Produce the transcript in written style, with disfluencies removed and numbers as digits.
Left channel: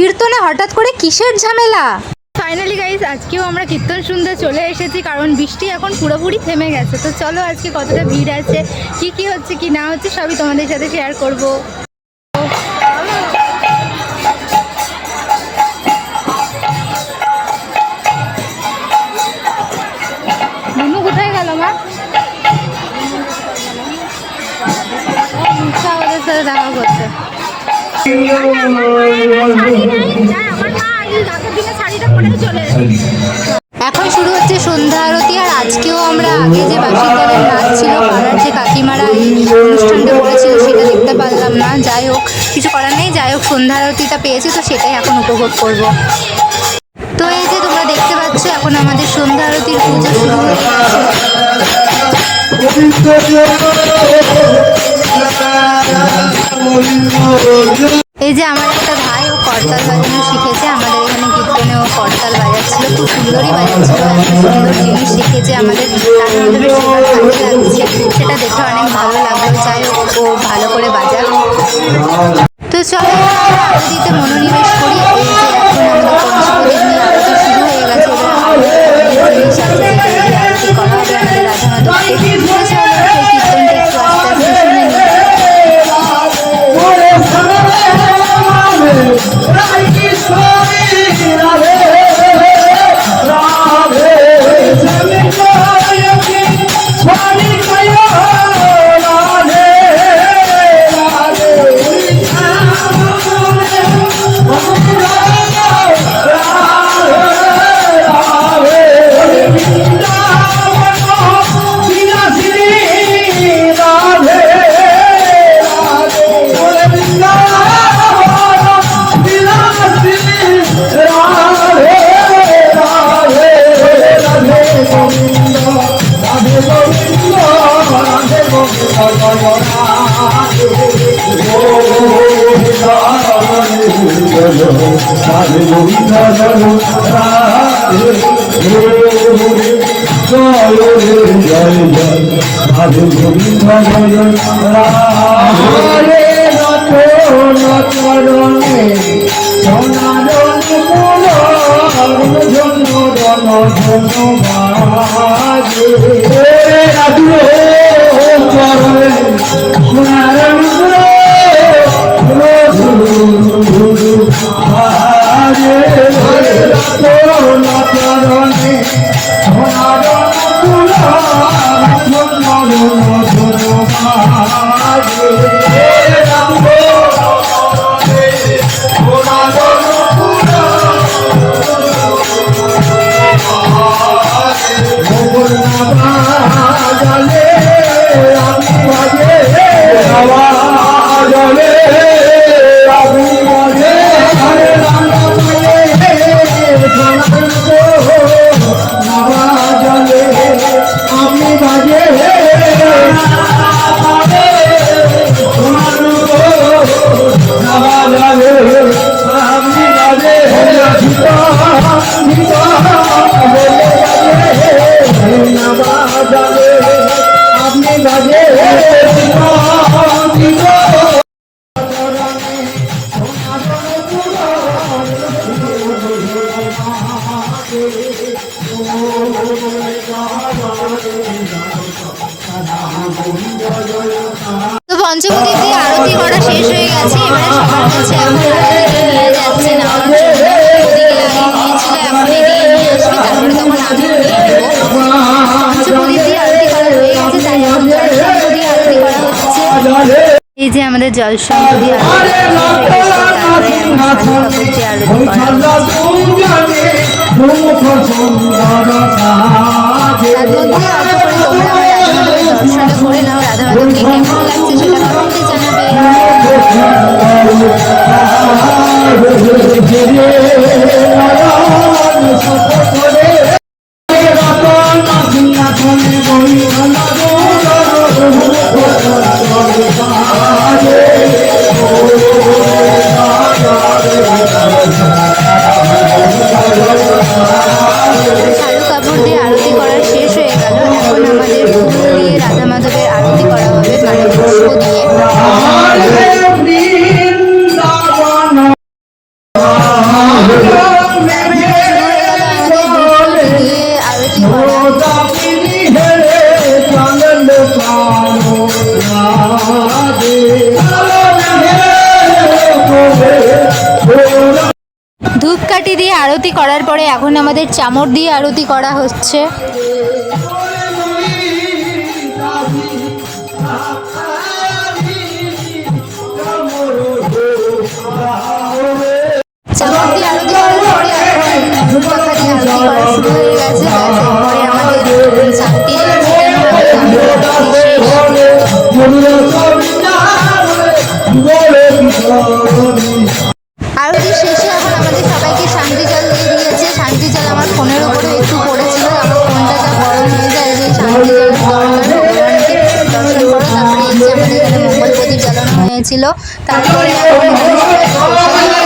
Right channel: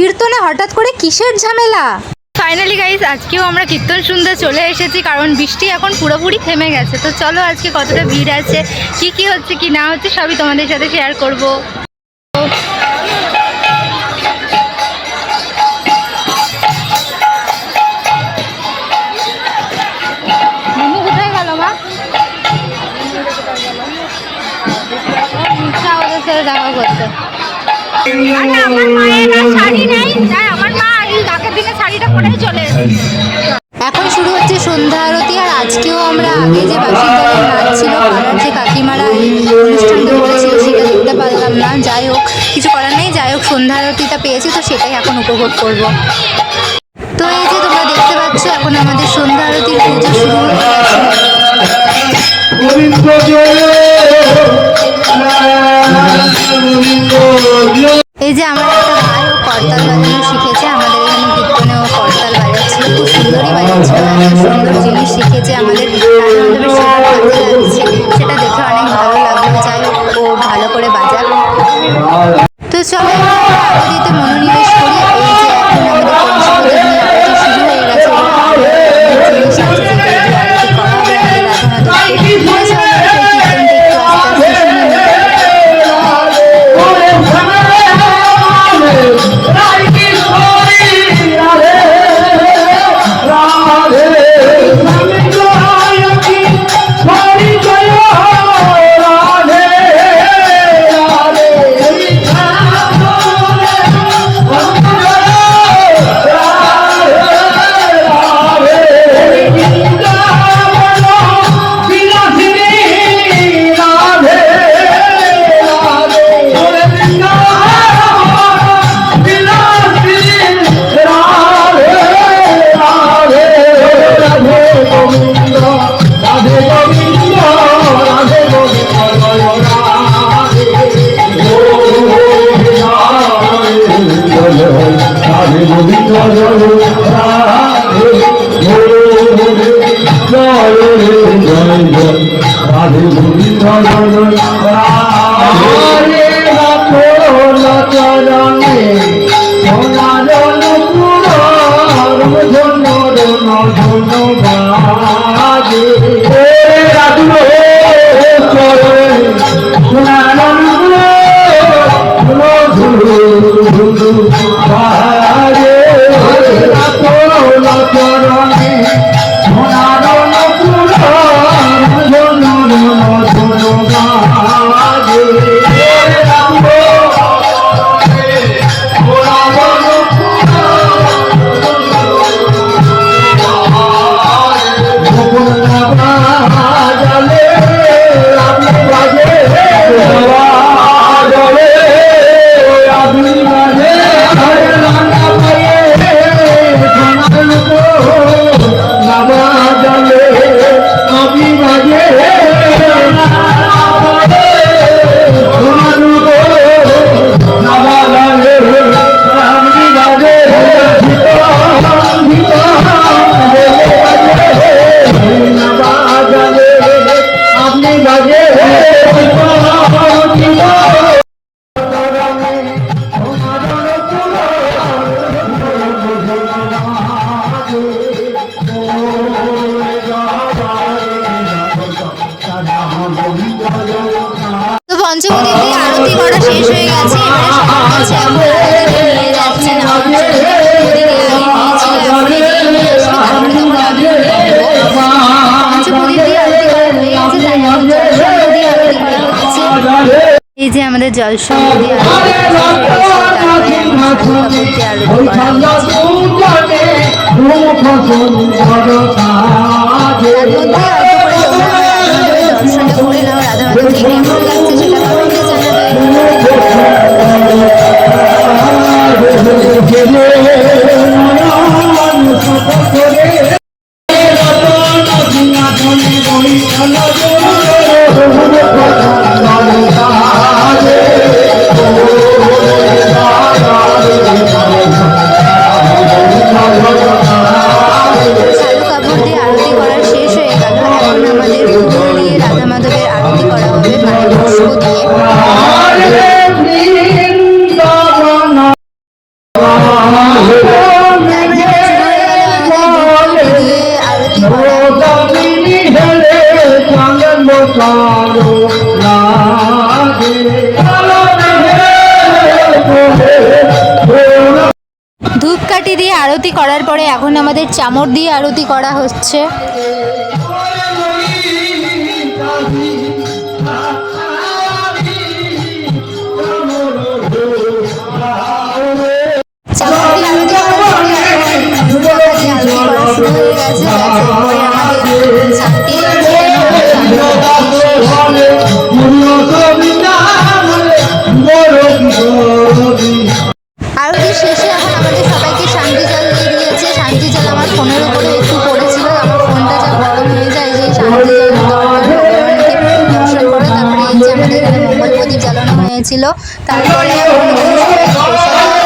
কীর্তনে হঠাৎ করে কিসের ঝামেলা? ফাইনালি গাইস আজকেও আমরা কীর্তন শুনতে চলে এসেছি, কারণ বৃষ্টি এখন পুরোপুরি থেমে গেছে। তো চলো আজকে কতটা ভিড় আছে, কি হচ্ছে কি না হচ্ছে সবই তোমাদের সাথে শেয়ার করব। মিনু কোথায় গেল মা? ওদের সাথে দেখা করতে। আমার মায়ের শাড়ি নেই, তাই আমার মা আগের দিনে শাড়িটা পরেই চলে এসেছে। এখন শুরু হচ্ছে সন্ধ্যা আরতি। আর আজকেও আমরা আগে যে বাঁশির দলের নাচ ছিল, পাড়ার যে কাকিমারা এই অনুষ্ঠানটা করেছিল সেটা দেখতে পারলাম না। যাই হোক, কিছু করার নেই। যাই হোক, সন্ধ্যা আরতিটা পেয়েছি তো সেটাই এখন উপভোগ করব। তো এই যে তোমরা দেখতে পাচ্ছ এখন আমাদের সন্ধ্যা আরতির পুজো শুরু হয়ে গেছে। এই যে আমার একটা ভাই, ও করতাল বাজানো শিখেছে। আমাদের এখানে কীর্তনে ও করতাল বাজাচ্ছিল, খুব সুন্দরই বাজাচ্ছিল। একটা সুন্দর জিনিস শিখেছে, আমাদের রাধা মাধবের সেবার কাজে লাগছে, সেটা দেখে অনেক ভালো লাগলো। যাই হোক, ও ভালো করে বাজাক। তো চলো এবার আমরা আরতিতে মনোনিবেশ করি। এই যে এখন আমাদের পঞ্চপ্রদীপ নিয়ে আরতি শুরু হয়ে গেছে। এবার আরও অনেক জিনিস আছে যেগুলো দিয়ে আরতি করা হবে আমাদের রাধা মাধবকে। তো চলো সেই কীর্তনটা একটু আস্তে আস্তে শুনে নিই। পঞ্চপ্রদীপ দিয়ে আরতি করা শেষ হয়ে গেছে। এবারে সবার কাছে এখন আরতিটা নিয়ে যাচ্ছে নেওয়ার জন্য। ওদিকে আগে নিয়েছিল, এখন এদিকে নিয়ে আসবে, তারপরে তখন আমিও নিয়ে নেব। পঞ্চপ্রদীপ দিয়ে আরতি করা হয়ে গেছে, তাই এখন জলশঙ্খ দিয়ে আরতি করা হচ্ছে। এই যে আমাদের জলশঙ্খ দিয়ে আরতি শেষ হয়ে গেছে, তারপরে এখন শাড়ি কাপড় দিয়ে আরতি করা হচ্ছে। তার মধ্যে অল্প করে তোমরা আমার রাধা মাধবের দর্শনটা করে নাও। রাধা মাধবকে কেমন লাগছে সেটা কমেন্টে জানাবে। ধূপকাঠি দিয়ে আরতি করার পরে এখন আমাদের চামর দিয়ে আরতি করা হচ্ছে। চামর দিয়ে আরতি করার পরে এখন ময়ূর পাখা দিয়ে আরতি করা শুরু হয়ে গেছে। ব্যাস এরপরে আমাদের শান্তি জল ছিটানো হবে, তারপরে আরতি শেষ। আরতি শেষে এখন আমাদের সবাইকে শান্তি জল দিয়ে দিয়েছে। শান্তি জল আমার ফোনের উপরে একটু পড়েছিল, আমার ফোনটা যা গরম হয়ে যায় যে শান্তি জলের দরকার, ভগবানকে দর্শন করো। তারপরে এই যে আমাদের এখানে মঙ্গল প্রদীপ জ্বালানো হয়েছিল, তারপরে এখন এখানে সবাইকে প্রসাদ দেওয়া